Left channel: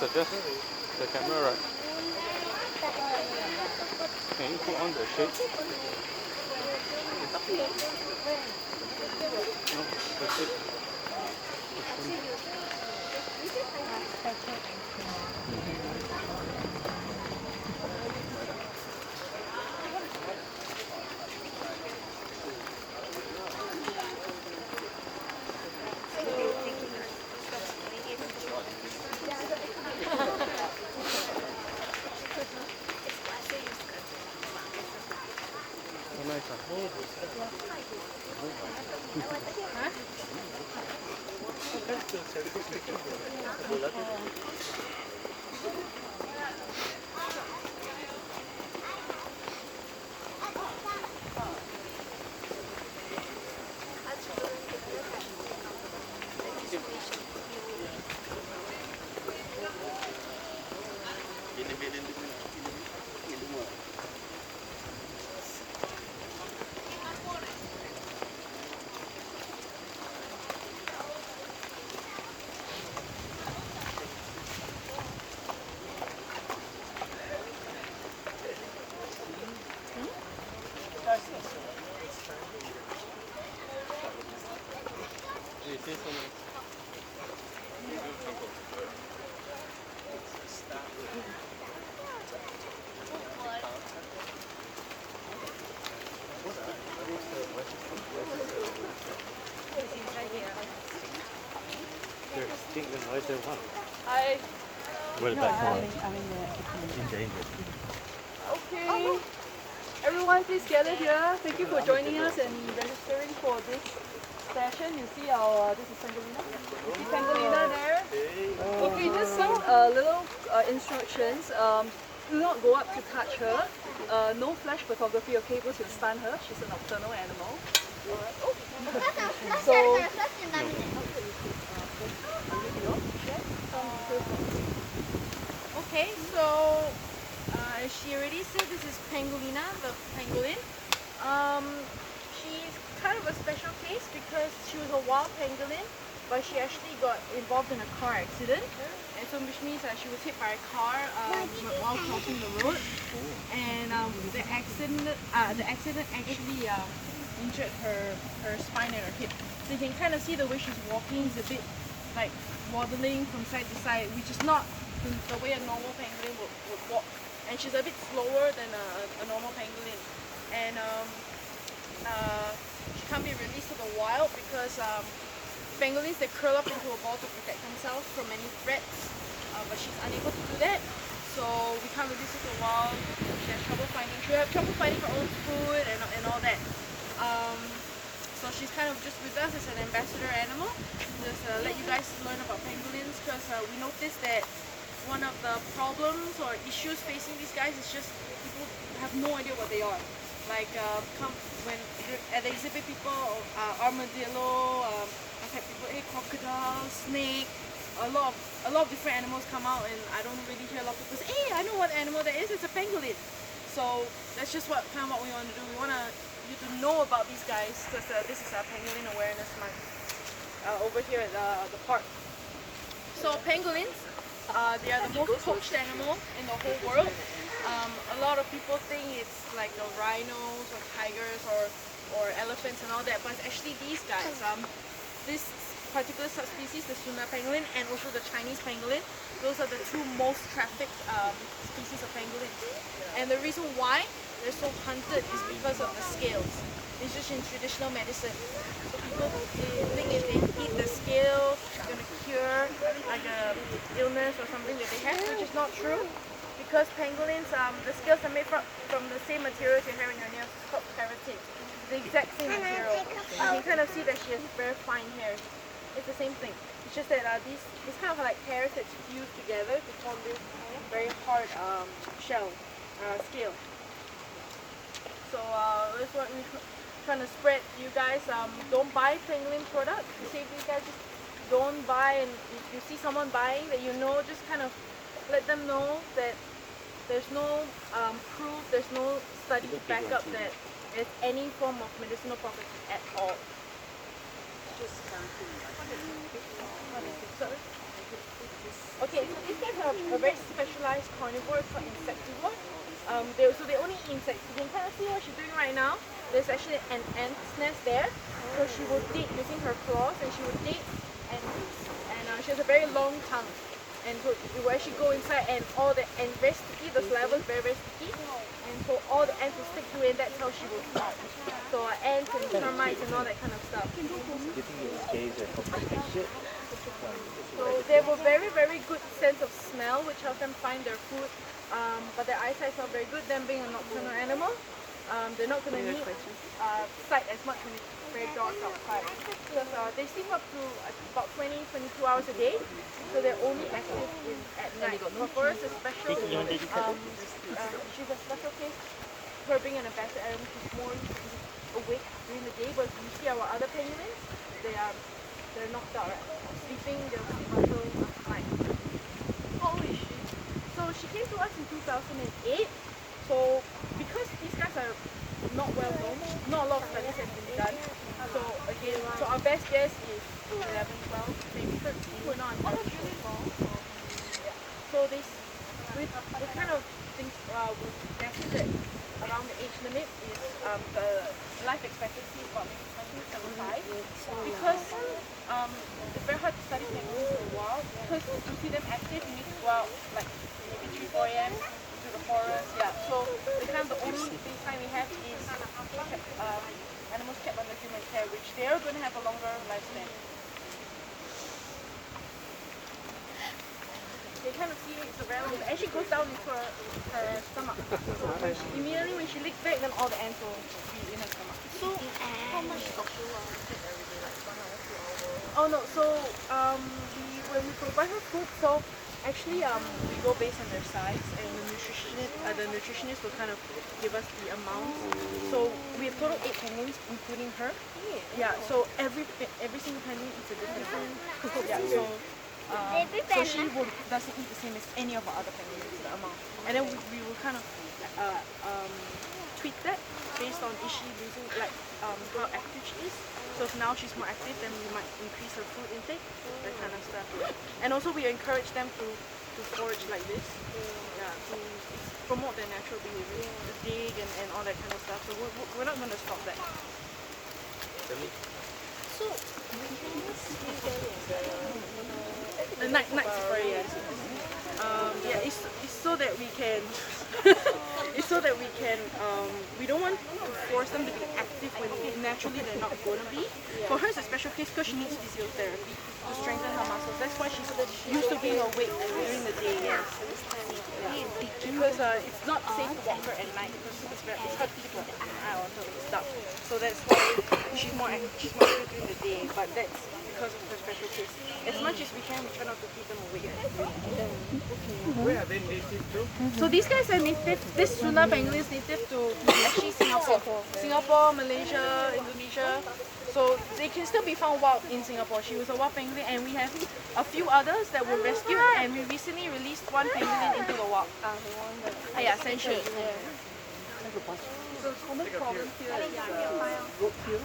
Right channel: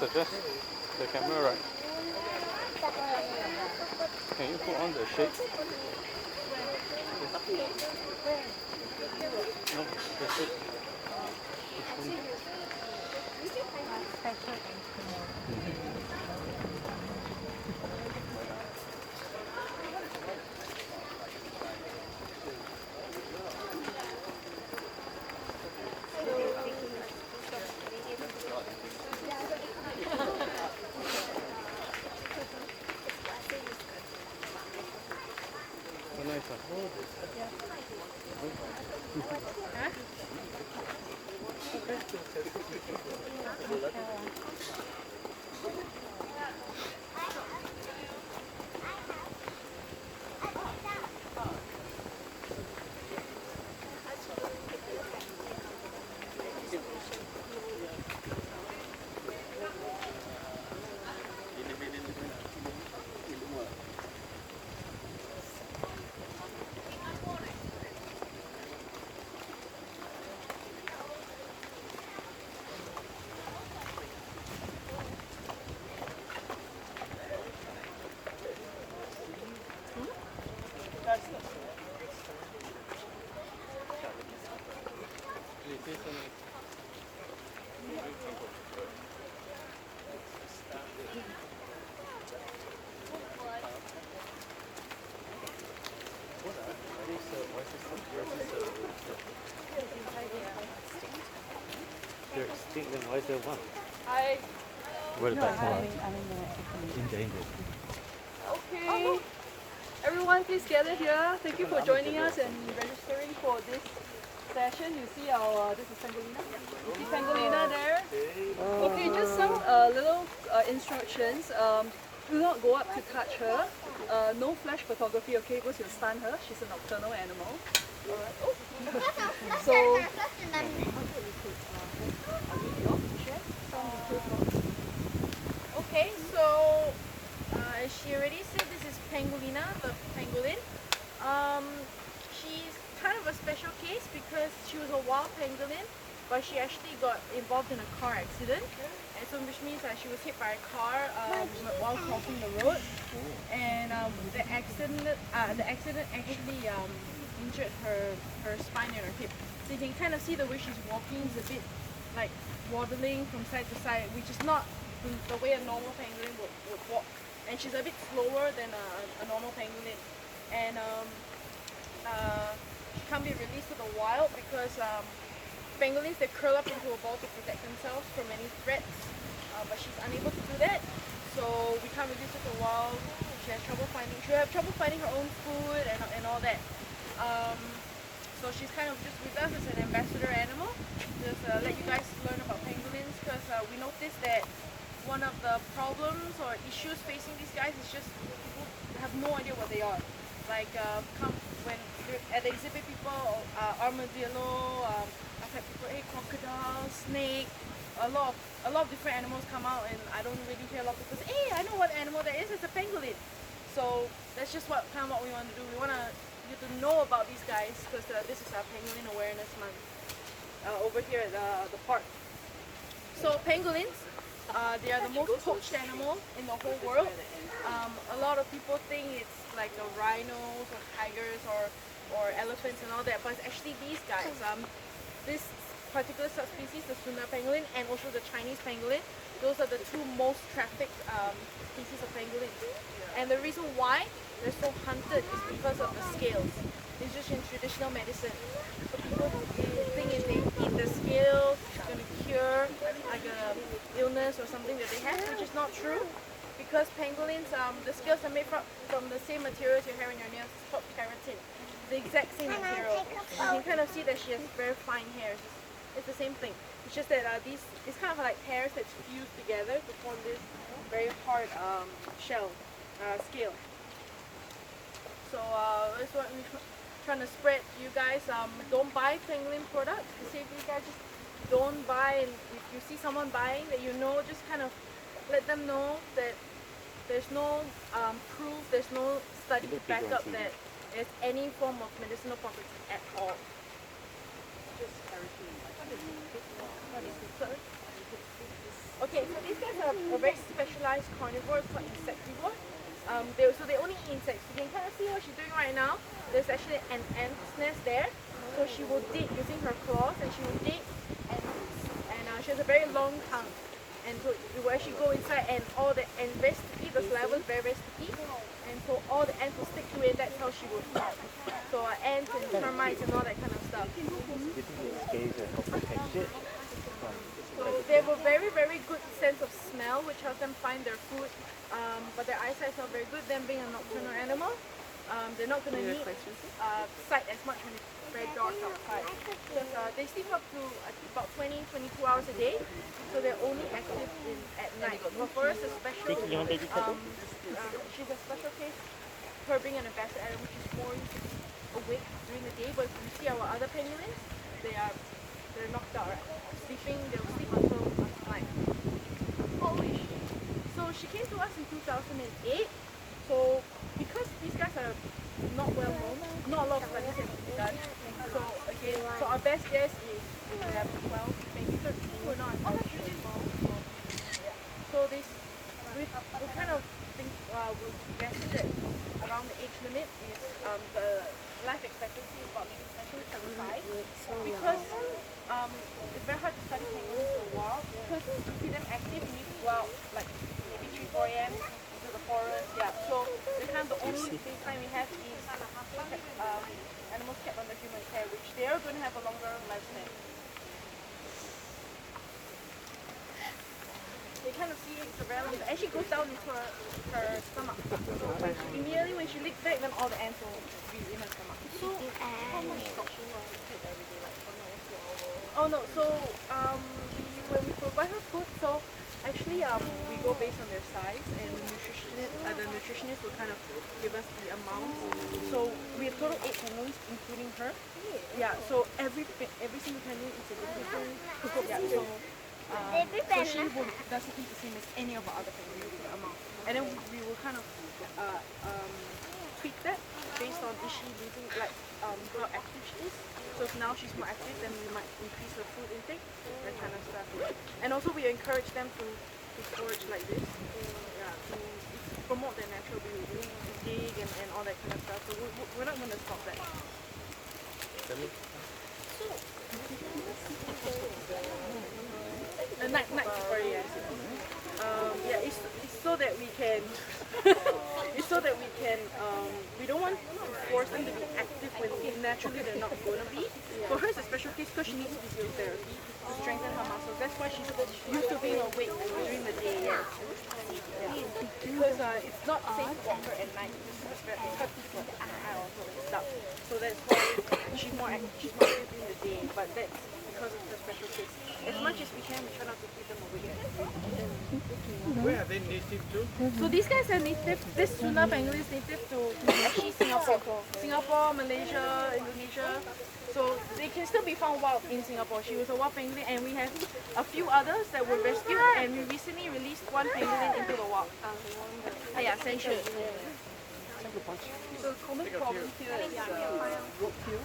Suggest the camera, right? Can you put on the shade? No, the shade. They're extinct and why is there one? Hi. What about India? Okay. Everyone, please gather here. Thank you for joining us and registering for this session. You see our, this is Pangolina. You see Pangolina there? Okay, just some little instructions. Do not go up to touch her. No flash photography, okay, because you'll stun her. She's a nocturnal animal. Alright. Oh. So, okay, so as she already said, this is Pangolina, the pangolin. She's kind of a special case because she was a wild pangolin, but she actually got involved in a car accident. And so which means that she was hit by a car while crossing the road. And the accident actually injured her spine and her hip. So you can kind of see the way she's walking is a bit like waddling from side to side, which is not the way a normal pangolin would walk. And she's a bit slower than a normal pangolin. And she can't be released to the wild because pangolins, they curl up into a ball to protect themselves from any threats, but she's unable to do that. So we can't release her to the wild. She has trouble finding her own food and all that. So she's kind of just with us as an ambassador animal. Just let you guys learn about pangolins because we noticed that one of the problems or issues facing these guys is just people have no idea what they are. Like when at the exhibit, people armadillo, I've had people, hey, crocodile, snake, a lot of different animals come out, and I don't really hear a lot of people say, hey, I know what animal that is. It's a pangolin. So that's just what we want to do. We want you to know about these guys because this is a Pangolin Awareness Month over here at the park. So pangolins, they are the most poached animal in the whole world. A lot of people think it's like the rhinos or tigers or elephants and all that, but it's actually these guys. This particular subspecies, the Sumer pangolin, and also the Chinese pangolin, those are the two most trafficked species of pangolins. And the reason why they're so hunted is because of the scales. It's just in traditional medicine. So people think if they eat the scale, it's going to cure like a illness or something that they have, which is not true. Because pangolins, the scales are made from the same materials you have in your nails. It's called keratin. The exact same material. You can kind of see that she has very fine hairs. It's the same thing. It's just that it's kind of like hairs that's fused together to form this very hard shell scale. So that's what we're trying to spread to you guys. Don't buy pangolin products. You see, you guys just don't buy, and if you see someone buying that you know, just kind of let them know that there's no proof, there's no study to back up that there's any form of medicinal property at all. Okay, so these guys are a very specialized carnivore called insectivore. So they only eat insects. You can kind of see what she's doing right now. There's actually an ant's nest there. So she will dig using her claws, and she will dig, and she has a very long tongue. And so it will actually go inside, and very sticky. The saliva is very, very sticky. And so all the ants will stick to it, and that's how she will eat. So ants and termites and all that kind of stuff. Do you think its scales help protect it? So they have a very, very good sense of smell, which helps them find their food. But their eyesight is not very good. Them being a nocturnal animal, they're not going to need sight as much when it's very dark outside. Because they sleep up to about 20, 22 hours a day. So they're only active at night. But for us, especially, she's a special case. Her being an ambassador animal, she's more used to be awake during the day. But if you see our other penguins, they're knocked out, right? They'll sleep until night. So she came to us in 2008. So because these guys are not well known, not a lot of studies have been done. So again, so our best guess is 11, 12, maybe 13. We're not entirely sure. So we kind of think we've guessed that around the age limit is the life expectancy is about maybe 20, 25. Because it's very hard to study penguins in the wild. Because to see them active, you need to go out like maybe 3, 4 a.m. into the forest. Yeah. So the only baseline we have is animals kept under human care, which they are going to have a longer lifespan. They kind of see it's a very long. It actually goes down into her stomach. So immediately when she licks it, then all the ants will be in her stomach. So oh no, so when we provide her food, so actually we go based on their size, and the nutritionist will kind of give us the amount. So we have total 8 penguins, including her. Yeah, so every single penguin eats a different food. Yeah, so she doesn't eat the same as any of our other penguins, the amount. And then we will kind of tweak that based on is she losing, like how active she is. So if now she's more active, then we might increase her food intake, that kind of stuff. And also we encourage them to forage like this, to promote their natural behavior, to dig and all that kind of stuff. So we're not going to stop that. The night safari, yes. It's so that we can we don't want to force them to be active when naturally they're not going to be. For her, it's a special case because she needs physiotherapy to strengthen her muscles. That's why she's used to being awake during the day. Yes. Because it's not safe to walk her at night because it's hard to keep her out until it's dark. So that's why she's more active during the day. But that's because of her special case. As much as we can, we try not to keep them awake. Where are they native to? So these guys are native. This Sunda pangolin is native to actually Singapore, Malaysia, Indonesia. So they can still be found wild in Singapore. She was a wild pangolin, and we have a few others that were rescued, and we recently released one pangolin into the wild. Yeah, Sensual. The common problem here is road kill.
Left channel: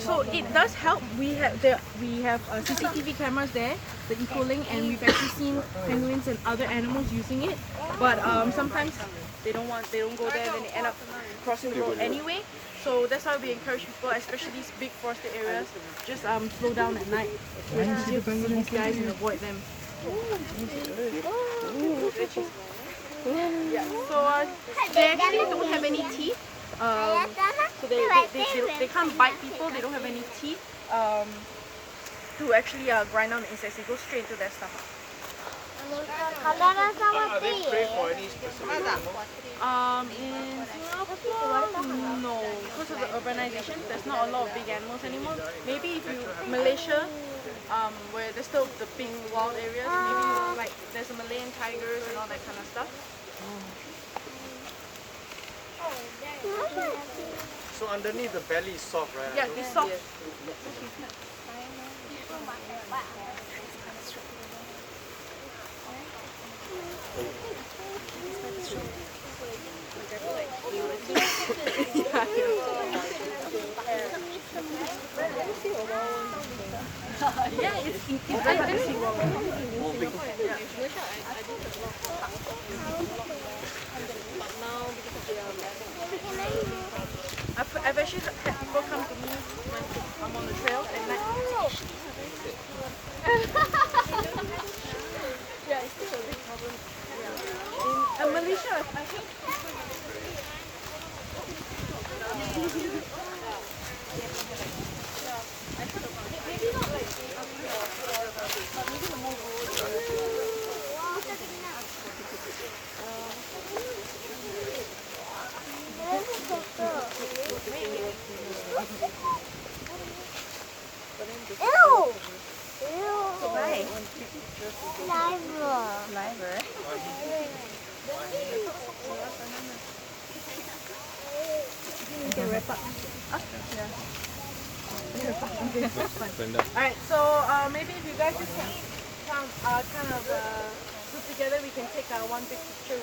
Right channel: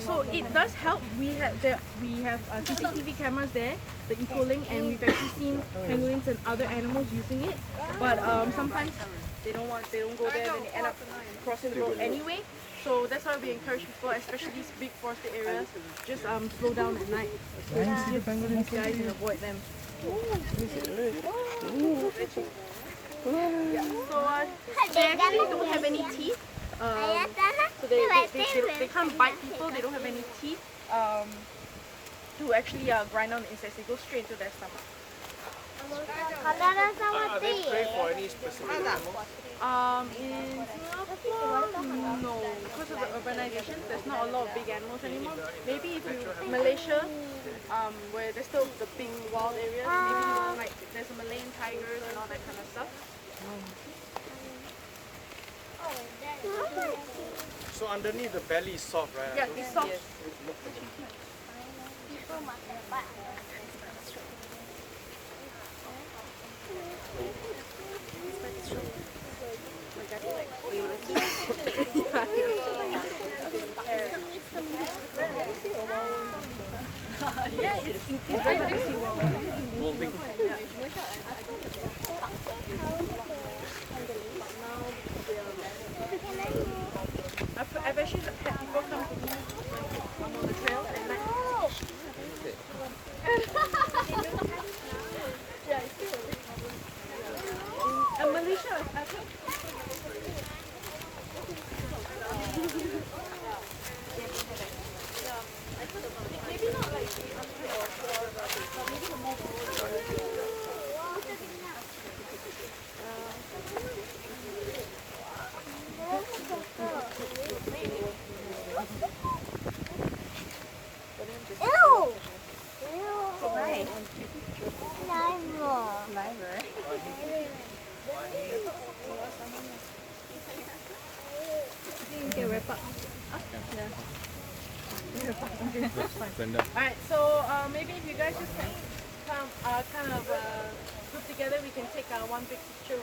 So it does help. We have CCTV cameras there, the Ecolink, and we've actually seen penguins and other animals using it. But sometimes they don't go there, then they end up crossing the road anyway. So that's why we encourage people, especially these big forested areas, just slow down at night. So it's easier to see these guys and avoid them. Yeah. So they actually don't have any teeth. So they can't bite people. They don't have any teeth. To actually grind down the insects, they go straight into their stomach. Are they prey for any specific animal? No, because of the urbanization, there's not a lot of big animals anymore. Maybe if you Malaysia, where there's still the big wild areas, maybe like there's a Malayan tigers and all that kind of stuff. So underneath the belly is soft, right? Yeah, it's soft. I've actually had people come to me when I'm on the trail at night. In Malaysia, I think. Alright, so maybe if you guys just come kind of group together, we can take one big picture.